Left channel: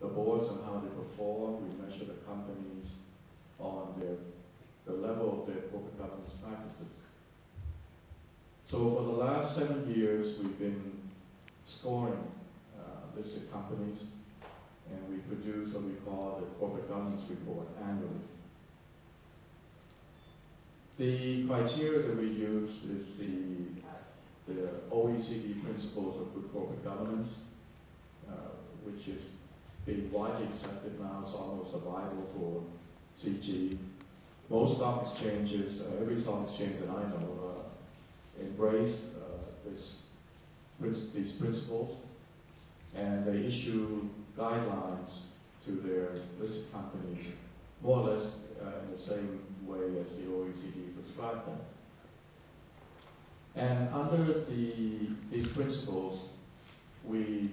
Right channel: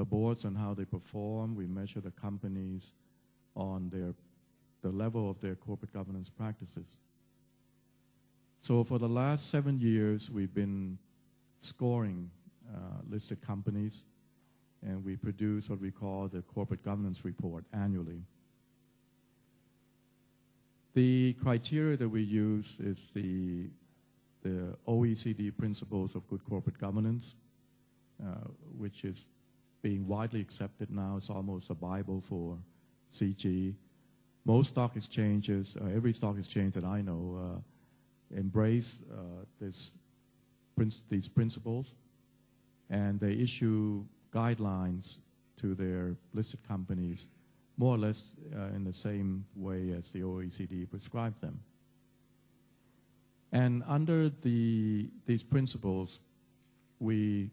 the boards and how they perform. We measure the companies on the level of their corporate governance practices. So for the last 7 years, we've been scoring listed companies, and we produce what we call the corporate governance report annually. The criteria that we use is the OECD principles of good corporate governance, which is being widely accepted now. It's almost a Bible for CG. Most stock exchanges, every stock exchange that I know, embrace these principles, and they issue guidelines to their listed companies, more or less in the same way as the OECD prescribed them. And under these principles, we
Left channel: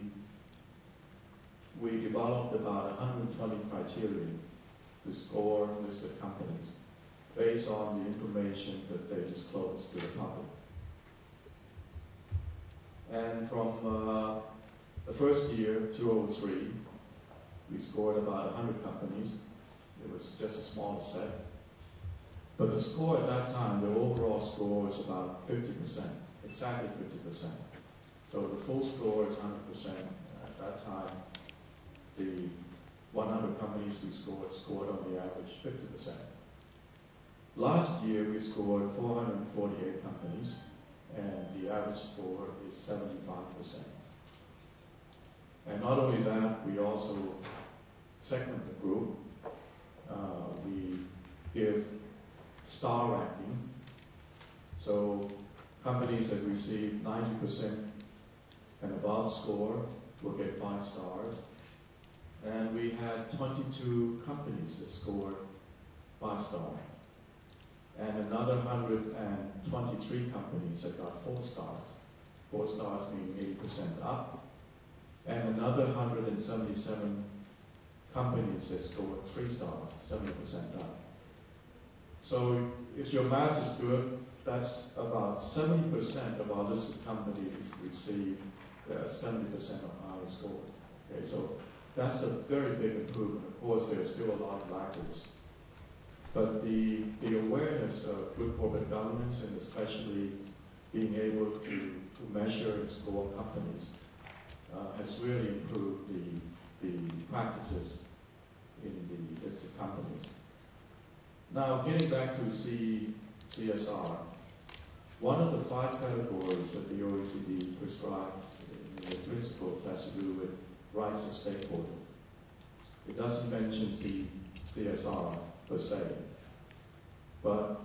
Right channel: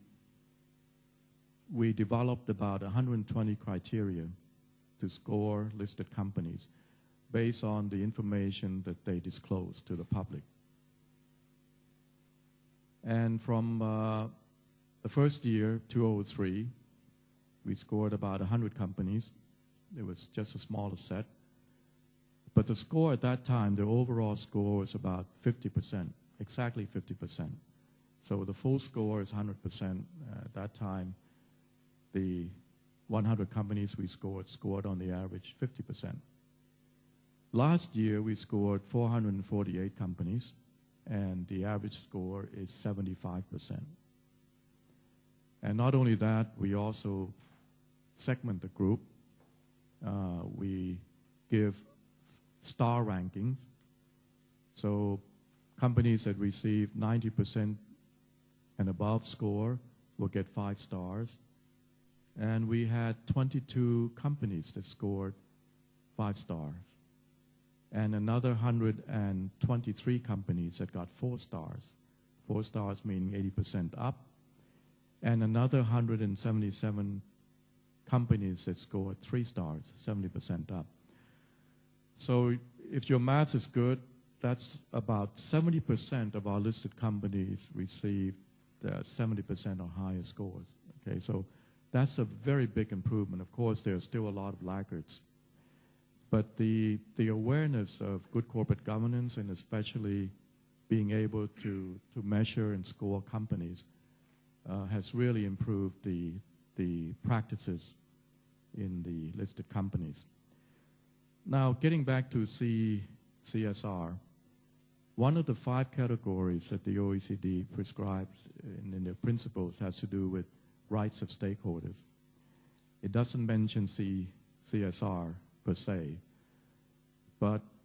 developed about 120 criteria to score listed companies based on the information that they disclose to the public. And from the first year, 2003, we scored about 100 companies. It was just a smaller set. But the score at that time, the overall score was about 50%, exactly 50%. So the full score is 100%. At that time, the 100 companies we scored on the average 50%. Last year, we scored 448 companies, and the average score is 75%. And not only that, we also segment the group. We give star rankings. So companies that receive 90% and above score will get 5 stars. And we had 22 companies that scored 5 stars. And another 123 companies that got 4 stars. 4 stars meaning 80% up. And another 177 companies that scored 3 stars, 70% up. So if your math is good, that's about 70% of our listed companies receive the 70% or higher scores. Okay, so that's a very big improvement. Of course, there's still a lot of laggards. But the awareness of good corporate governance, and especially being able to measure and score companies, has really improved the practices in the listed companies. Now, getting back to CSR, one of the 5 categories that the OECD prescribed in the principles has to do with rights of stakeholders. It doesn't mention CSR per se, but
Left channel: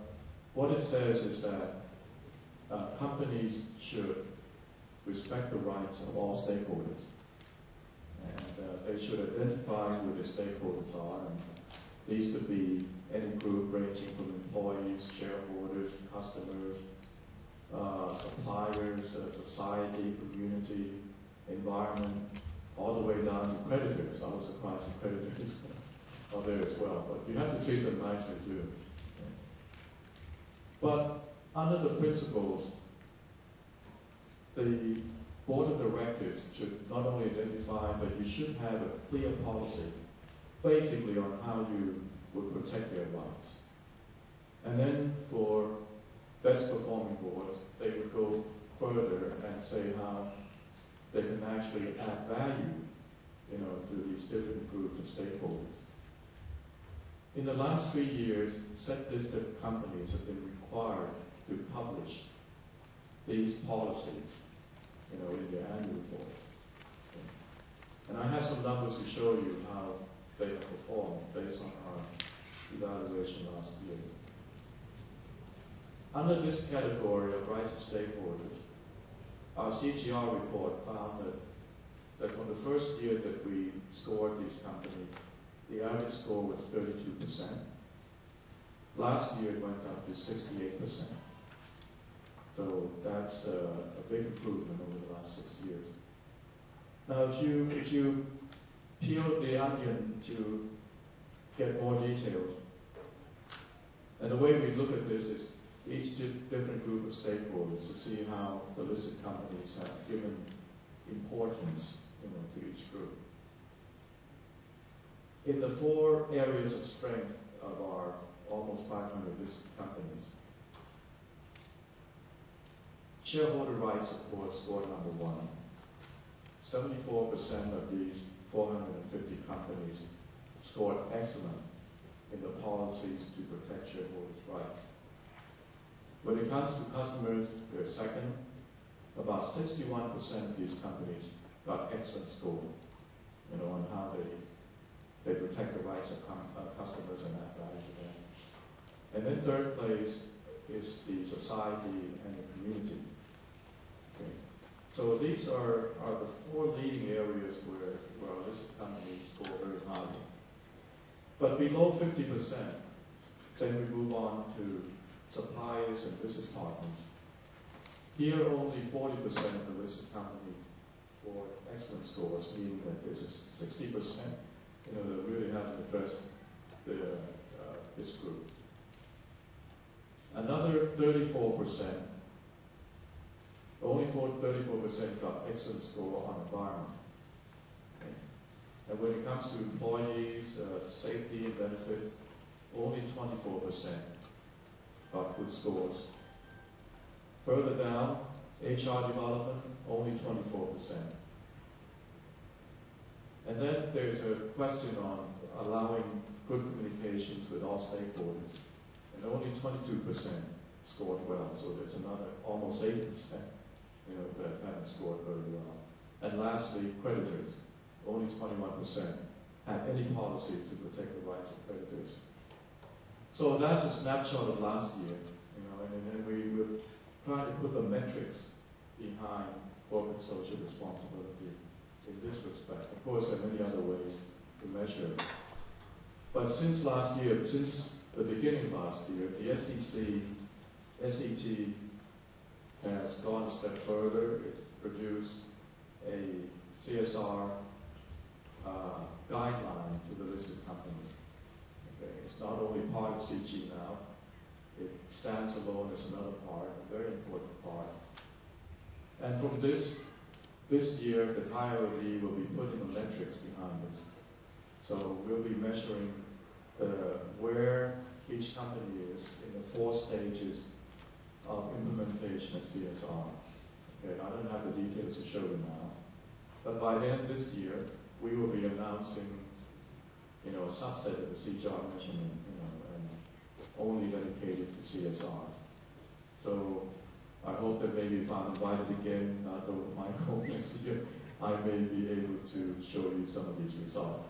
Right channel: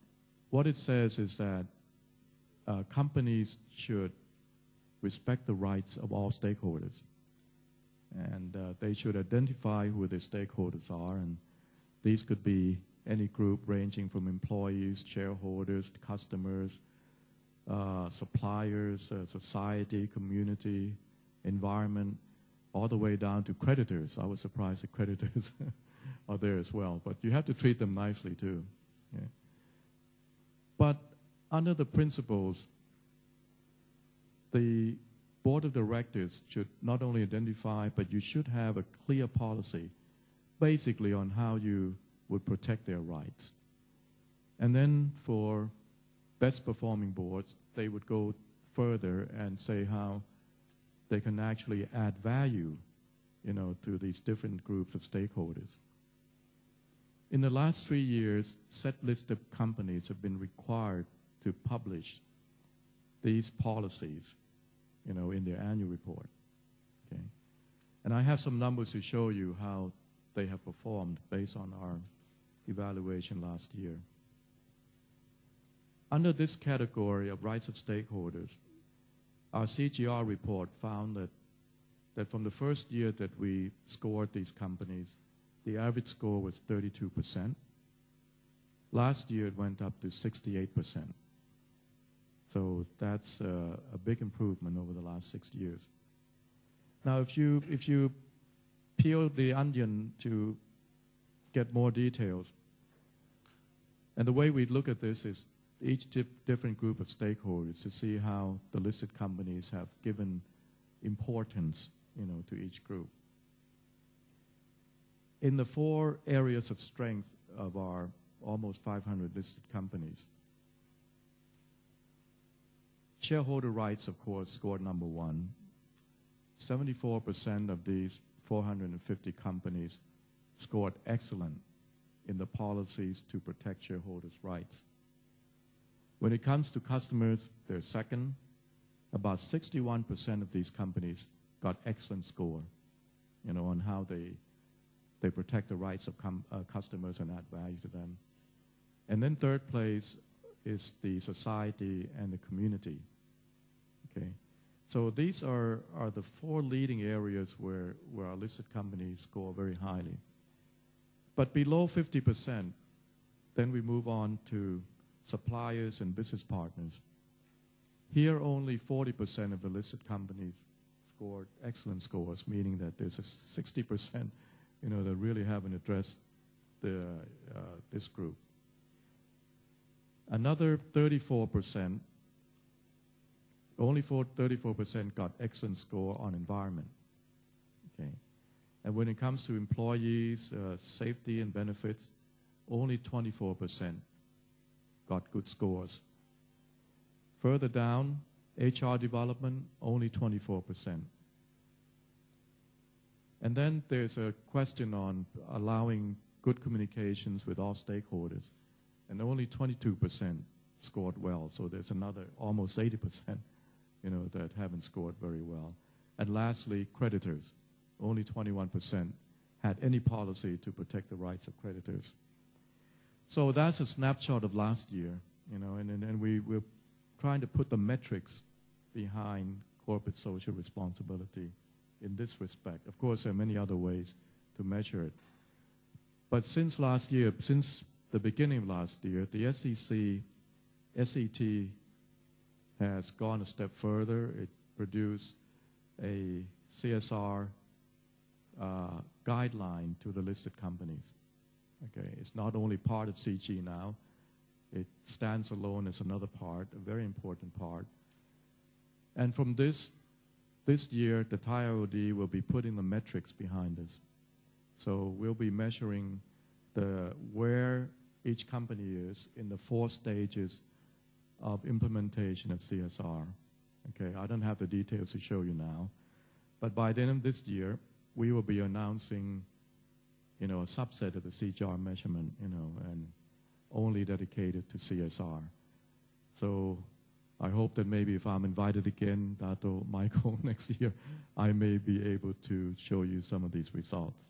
what it says is that companies should respect the rights of all stakeholders, and they should identify who their stakeholders are, and these could be any group ranging from employees, shareholders, customers, suppliers, society, community, environment, all the way down to creditors. I was surprised that creditors are there as well, but you have to treat them nicely too. Yeah. But under the principles, the board of directors should not only identify, but you should have a clear policy, basically on how you would protect their rights. And then for best performing boards, they would go further and say how they can actually add value, to these different groups of stakeholders. In the last 3 years, set listed companies have been required to publish these policies, in their annual report. Okay. And I have some numbers to show you how they have performed based on our evaluation last year. Under this category of rights of stakeholders, our CGR report found that from the first year that we scored these companies, the average score was 32%. Last year it went up to 68%. So that's a big improvement over the last 6 years. Now, if you peel the onion to get more details, and the way we look at this is each different group of stakeholders to see how the listed companies have given importance, to each group. In the 4 areas of strength of our almost 500 listed companies, shareholder rights, of course, scored number 1. 74% of these 450 companies scored excellent in the policies to protect shareholders' rights. When it comes to customers, they're second. About 61% of these companies got excellent score, on how they protect the rights of customers and add value to them. And then third place is the society and the community. Okay. So these are the 4 leading areas where our listed companies score very highly. But below 50%, then we move on to suppliers and business partners. Here, only 40% of the listed companies score excellent scores, meaning that there's a 60%, that really haven't addressed this group. Another 34%, only 34% got excellent score on environment. Okay. And when it comes to employees, safety and benefits, only 24% got good scores. Further down, HR development, only 24%. And then there's a question on allowing good communications with all stakeholders, and only 22% scored well. So there's another almost 80%, that haven't scored very well. And lastly, creditors, only 21% had any policy to protect the rights of creditors. So that's a snapshot of last year, and we were trying to put the metrics behind corporate social responsibility in this respect. Of course, there are many other ways to measure it. But since last year, since the beginning of last year, the SET has gone a step further. It produced a CSR guideline to the listed companies. Okay, it's not only part of CG now, it stands alone as another part, a very important part. And from this year, the Thai IOD will be putting the metrics behind this. So we'll be measuring where each company is in the 4 stages of implementation of CSR. Okay, I don't have the details to show you now, but by the end of this year, we will be announcing, a subset of the CSR measurement, and only dedicated to CSR. So I hope that maybe if I'm invited again, Dato Michael, next year, I may be able to show you some of these results.